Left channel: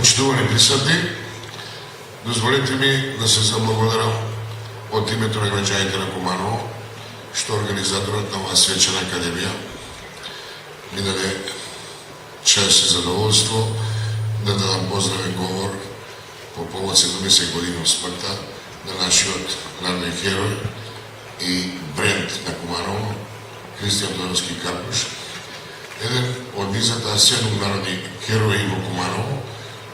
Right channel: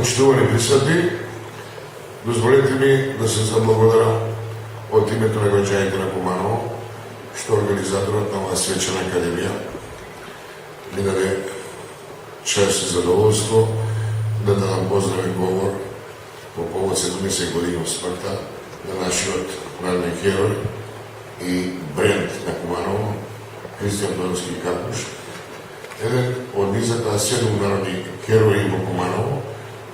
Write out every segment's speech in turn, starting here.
Почитувани присъдни, дозволете ми да се заблагодарам от името на граđаните на Куманово, што организаторът на оваа свечена академија ми даде чест и задоволство да дадам поздравен говор по повод 70 години от смъртта на нашиот народен херой и бренд на Куманово, Христијан Тодорски Карпуш, еден од низата 7 народни херои во Куманово,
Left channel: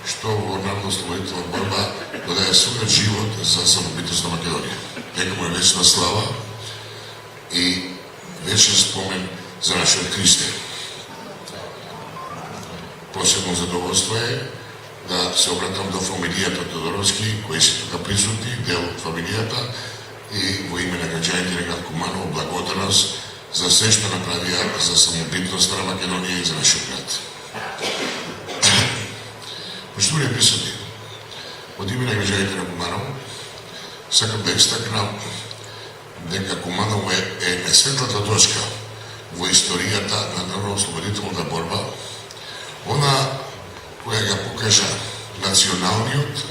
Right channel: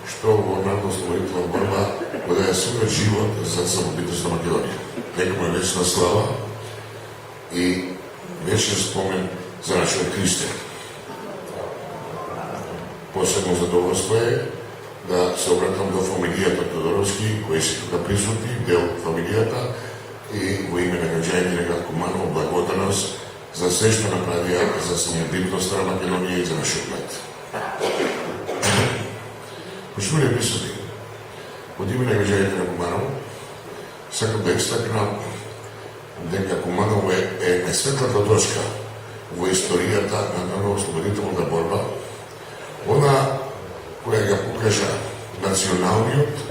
што во народно-ослободителна борба го даде својот живот за самобитност на Македонија. Нека му е вечна слава и вечен спомен за нашиот Христе. Посебно задоволство е да се обратам до фамилијата Тодоровски, кои се тука присутни, дел од фамилијата, и во име на граđаните на град Куманово благодарност за се што направија за самобитноста на Македонија и за нашиот град. Почитувани присутни, од име на граđаните на Куманово, сакам да истакнам дека Куманово е светлата точка во историјата на народно-ослободителната борба, она која ga покажа националниот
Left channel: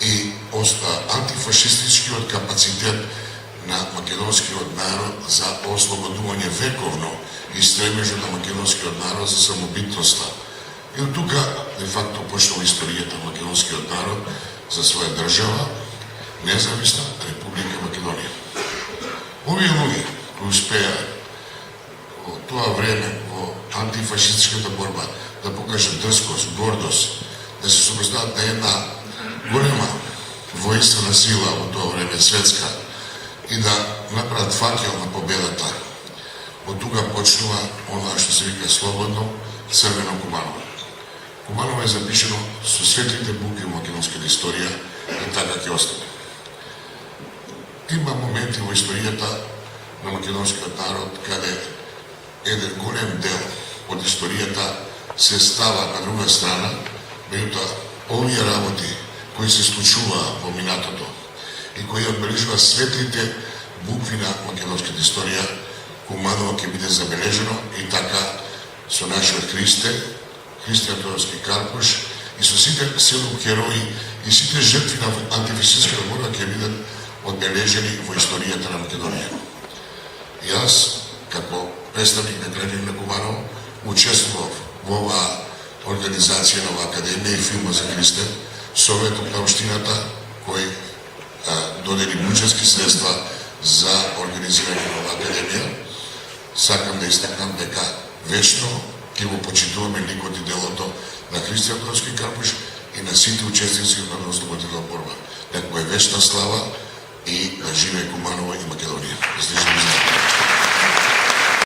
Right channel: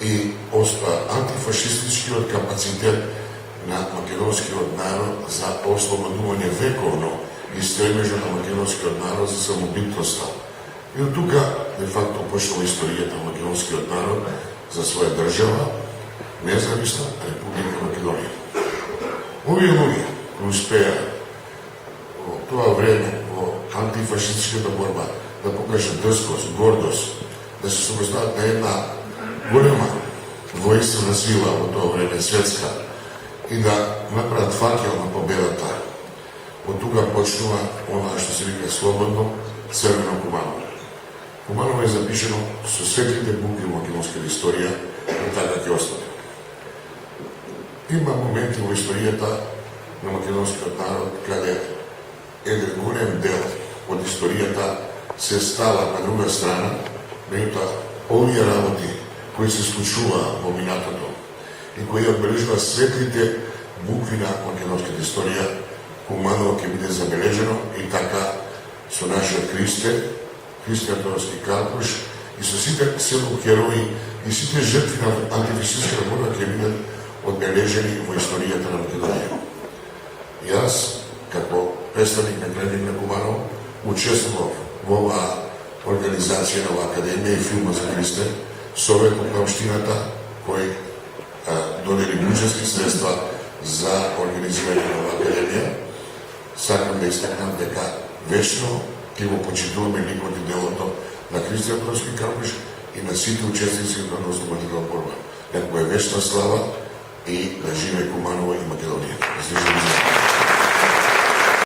и антифашистичкиот капацитет на македонскиот народ за ослободување вековно и стремежот на македонскиот народ за самобитноста. И од тука, де факто, почнува историјата на македонскиот народ за своја држава, независна Република Македонија. Овие луѓе кои успеа во тоа време во антифашистичката борба да покажат дрскост, гордост, да се супростават на една голема воинствена сила во тоа време, светска, и да направат факел на победата. Од тука почнува она што се вика слободно црвено Куманово. Куманово е запишено со светлите букви во македонската историја и така ќе остане. Има моменти во историјата на македонскиот народ каде еден голем дел од историјата се става на друга страна, меѓутоа овие работи кои се случуваа во минатото и кои одбележуваат светлите букви на македонската историја, Куманово ќе биде забележено и така со нашиот Христе, Христијан Тодорски Карпуш и со сите 7 херои и сите жртви на антифашистичката борба ќе бидат одбележени во историјата на Македонија. Јас, како представник на граѓани на Куманово, учествував во оваа организација на оваа академија и филма за Христе, Советот на општината кој додели буџетски средства за организирање на оваа академија. Сакам да истакнам дека вечно ќе го почитуваме ликот и делото на Христијан Тодорски Карпуш и на сите учесници на народно-ослободителната борба. Нека му е вечна слава и да живее Куманово и Македонија.